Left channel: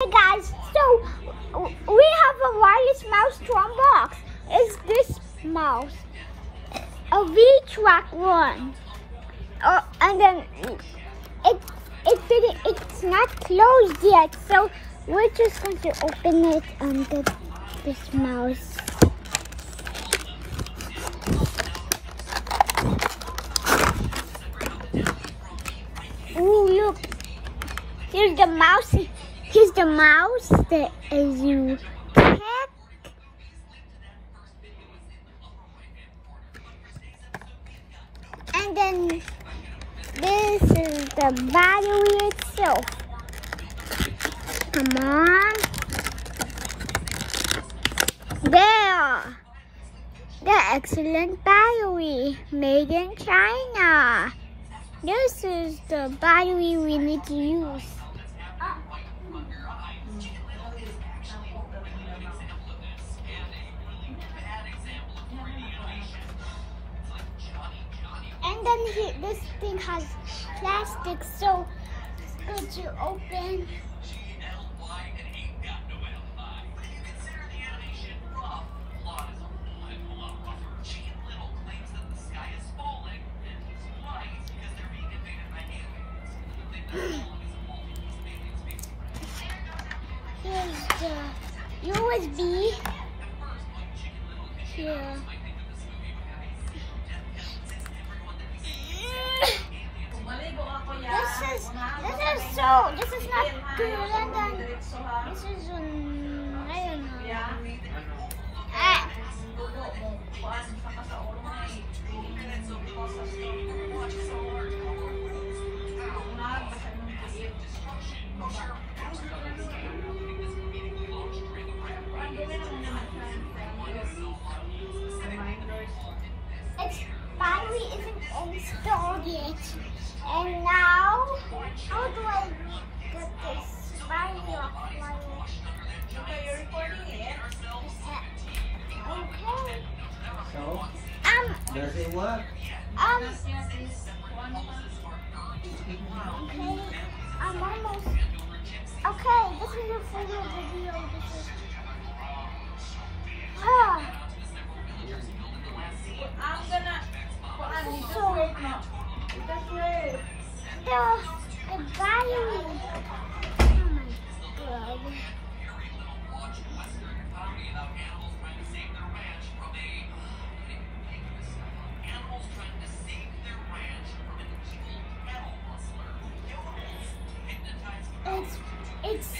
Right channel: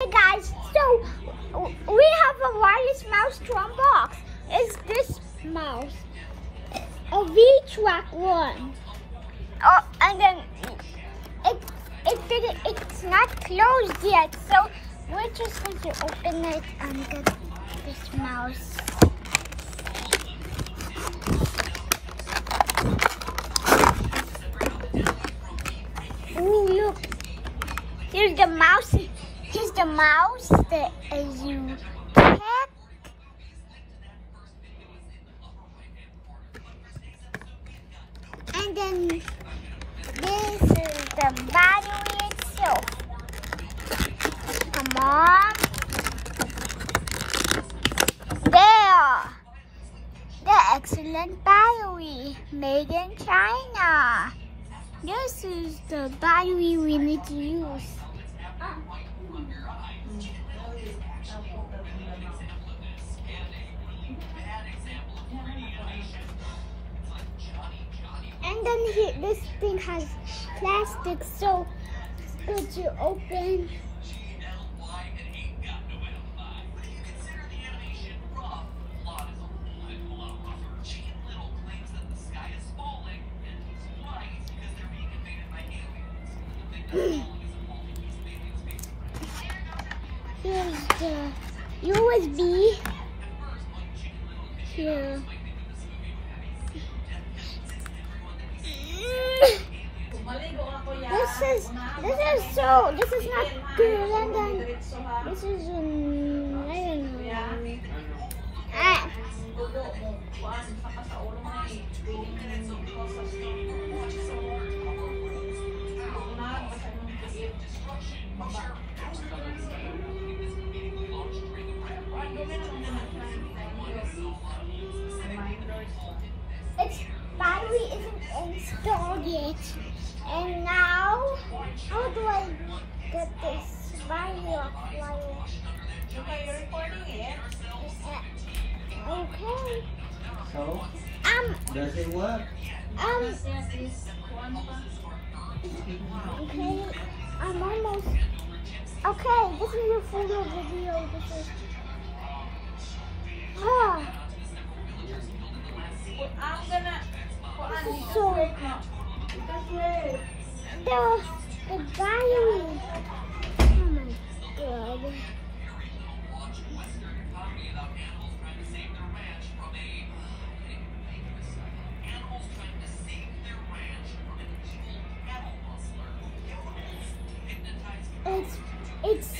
Hey guys, so we have a wireless mouse to unbox. It's this mouse, a V-Track one, and then it's not closed yet. So we're just going to open it and get this mouse. Ooh, look! Here's the mouse. Here's the mouse that you check. And then this is the battery itself. Come on. There. The excellent battery made in China. This is the battery we need to use. And then this thing has plastic, so it's good to open. Here's the USB. Here. This is not good, and then this is I don't know. Its battery isn't installed yet. And now, how do I get this battery off? Okay, you're recording it. Okay. So, does it work? Okay, I'm almost. Okay, this is a full video. This is. So, the battery. Oh my god. It's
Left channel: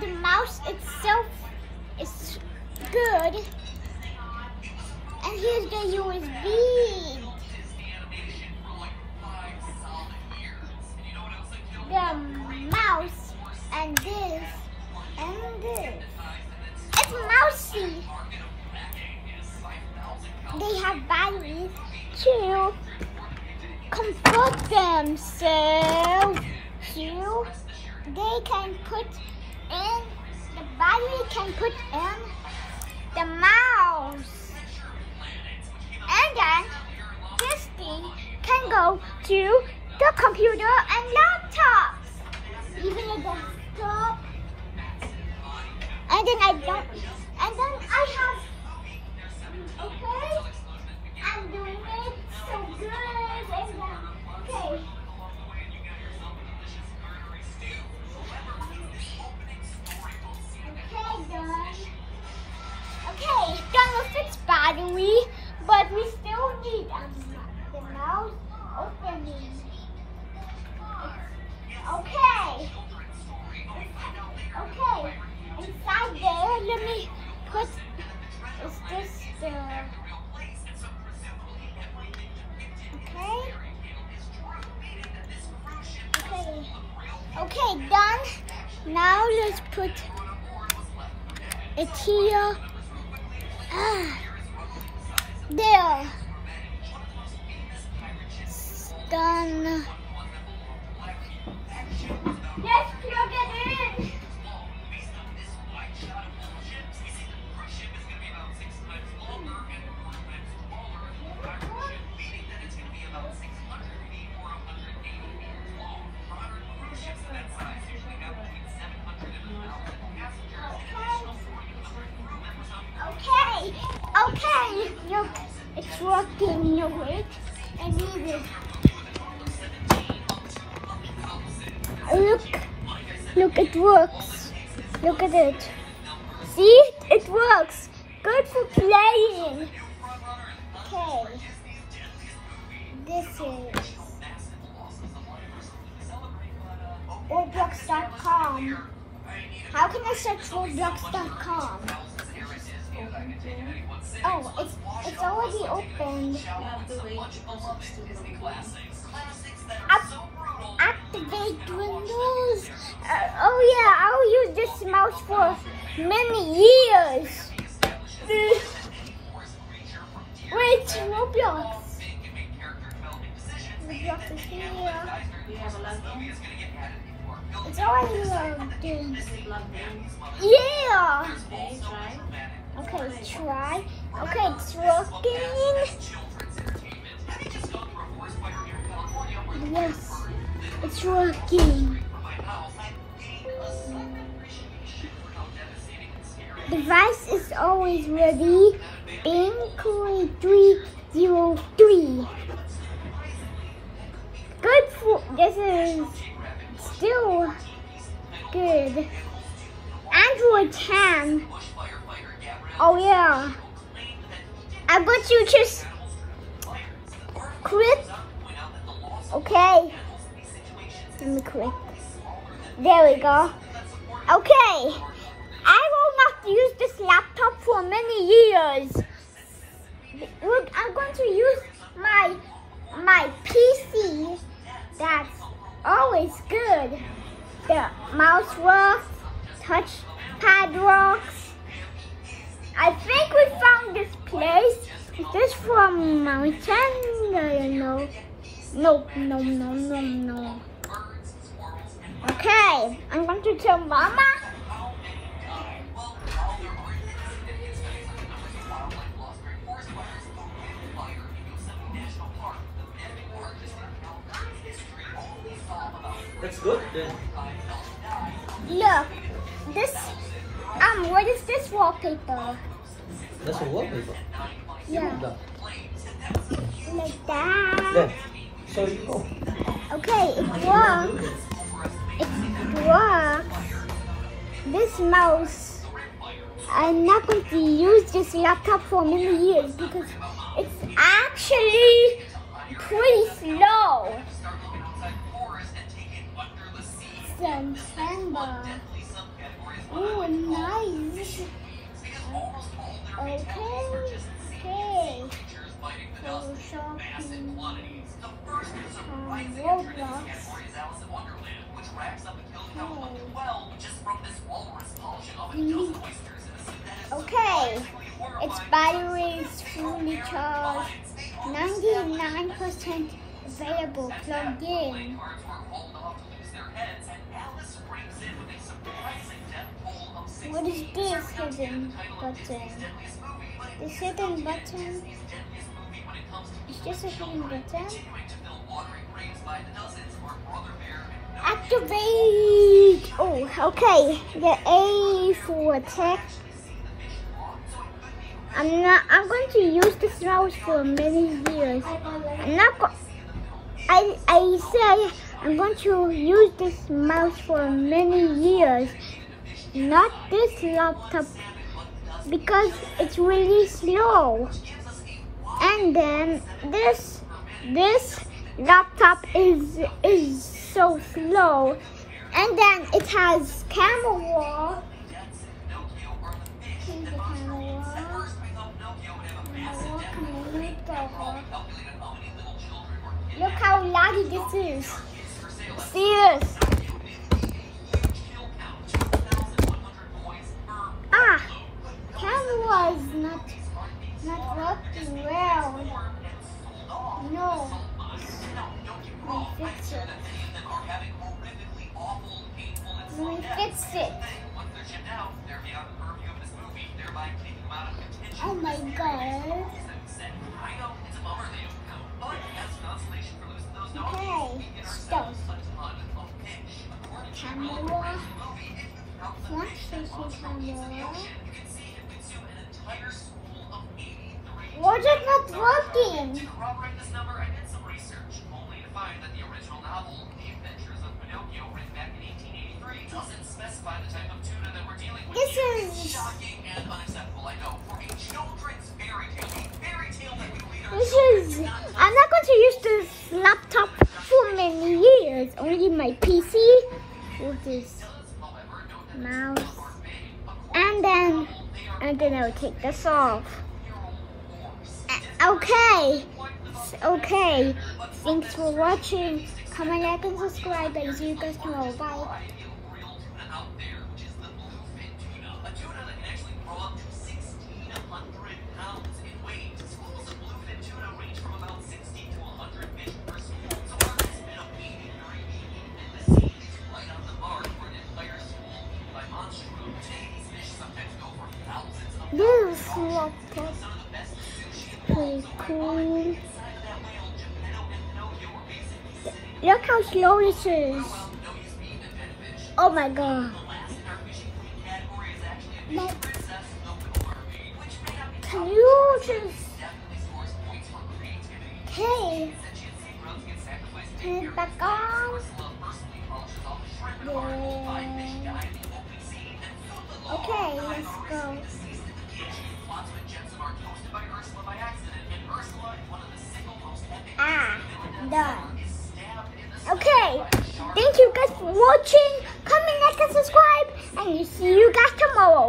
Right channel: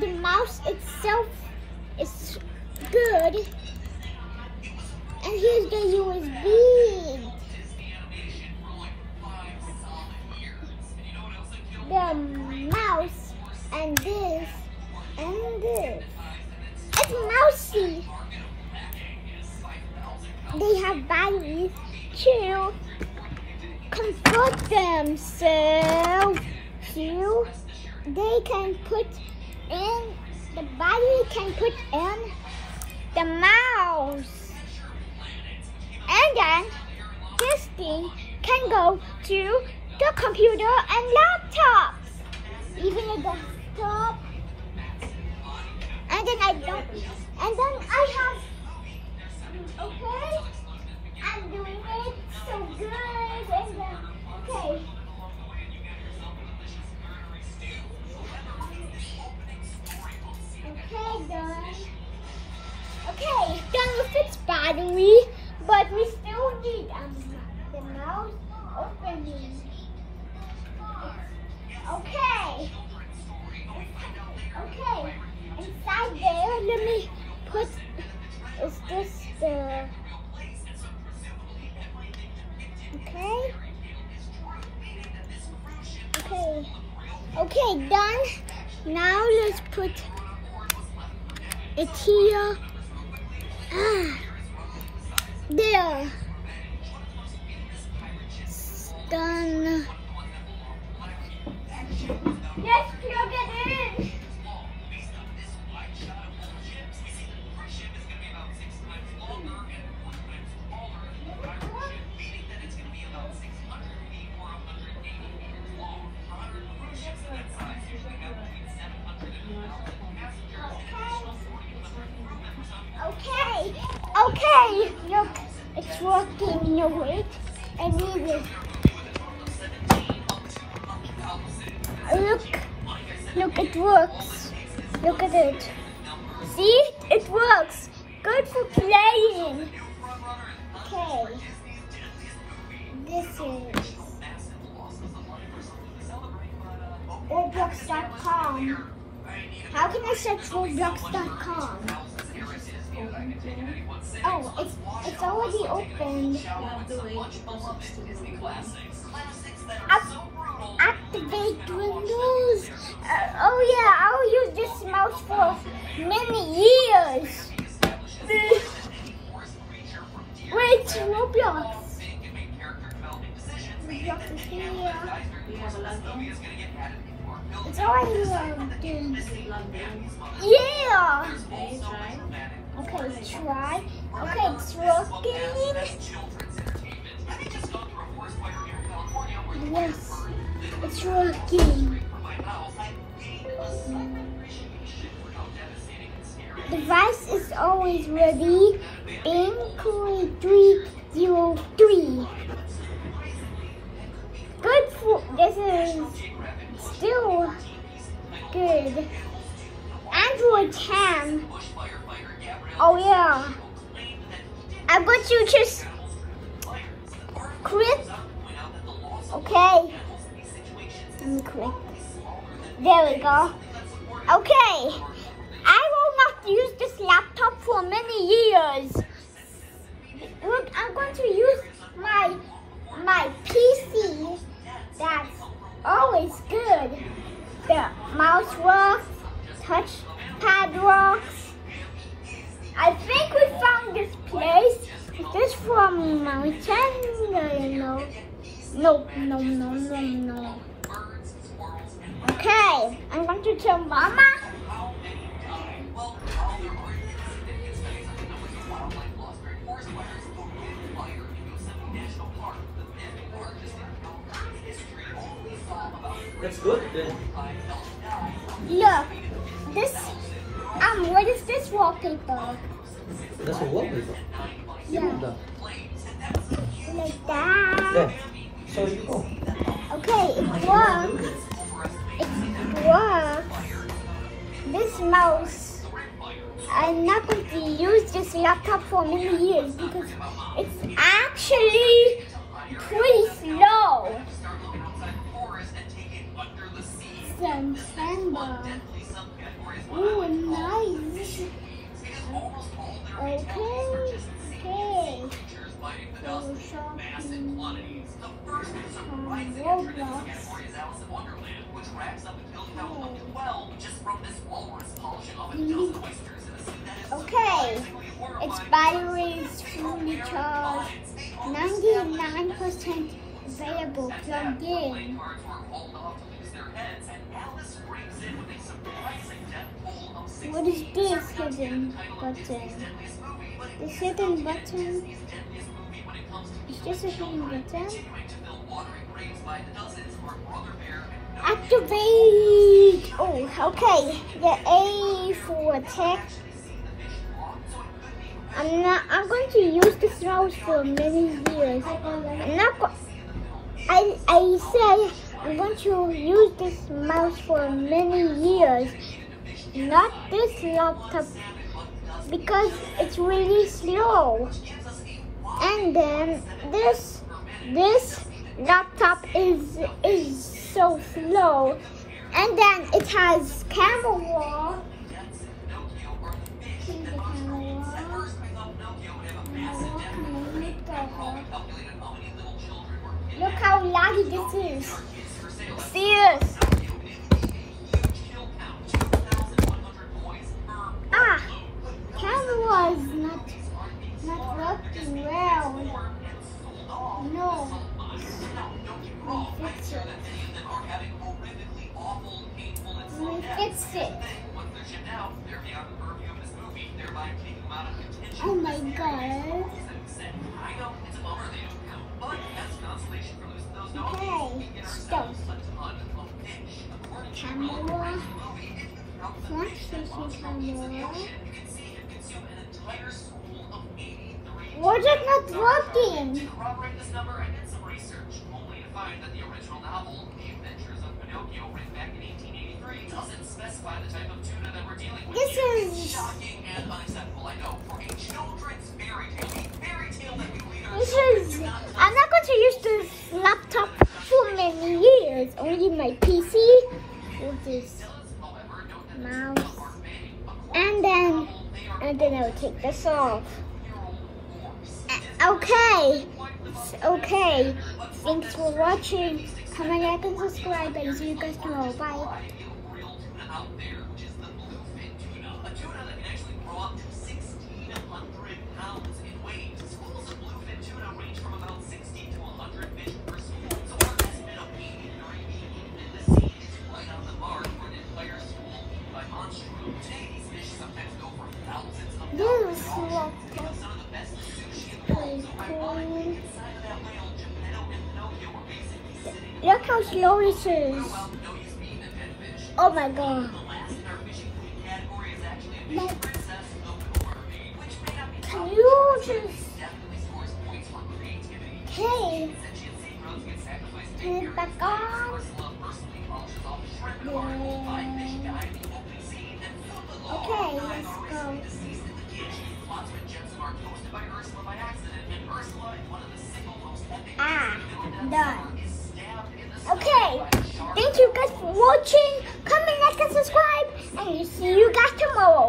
the mouse itself is good. And here's the USB. The mouse and this and this. It's mousy. They have batteries to comport themselves. So they can put in, the battery can put in the mouse. And then this thing can go to the computer and laptops, even a desktop. And then I have, okay, I'm doing it so good, and then, okay. Okay, done. Okay, done with its battery, but we still need the mouse opening. Okay. Okay. Inside there, let me put. Is this the? Okay. Okay. Okay, done. Now let's put it here. There. Done. Yes, plug it in. Okay, look, it's working. No, wait, I need it. Look, it works. Look at it. See, it works. Good for playing. Okay, this is Roblox.com. How can I search Roblox.com? Oh, it's already opened. Activate Windows. Oh yeah, I'll use this mouse for many years. Wait, Roblox. Roblox is here. It's already logged in. Yeah. Okay, try. Okay, it's working. Yes, it's working. Device is always ready. Pin 303. Good for, this is still good. Android 10. Oh yeah. I'm going to just click. Okay. Let me click. There we go. Okay. I will not use this laptop for many years. Look, I'm going to use my PC. That's always good. The mouse works, touchpad works. I think we found this place. Is this from mountain? No. No. Okay, I'm going to tell Mama. That's good then. Look, this, what is this wallpaper? That's a wallpaper. Yeah. Like that. There. So you go. Okay, it works. It works. This mouse, I'm not going to use this laptop for many years because it's actually pretty slow. September. Oh, nice. Okay. So shopping from Roblox. Okay. Its battery is fully charged. 99% available. Plugged in. What is this hidden button? This hidden button? Is this a hidden button? Activate! Oh, okay. The A for attack. I'm going to use this mouse for many years. I say I'm going to use this mouse for many years. Not this laptop because it's really slow. And then this laptop is so slow. And then it has camera. Look how laggy this is. Serious. Camera is not working well. No. We fix it. Oh my god. Okay, stop. Camera. Flash camera. Why is it not working? I'm not going to use this laptop for many years. Only my PC with this mouse. And then I'll take this off. Okay. Thanks for watching. Comment, like, and subscribe, and see you guys tomorrow. Bye. This laptop pretty cool. Look how slow this is. Oh my god. Can you just... Hey. Turn it back on. Yeah. Okay, let's go. Done. Okay, thank you guys for watching. Comment, like, and subscribe, and see you guys tomorrow.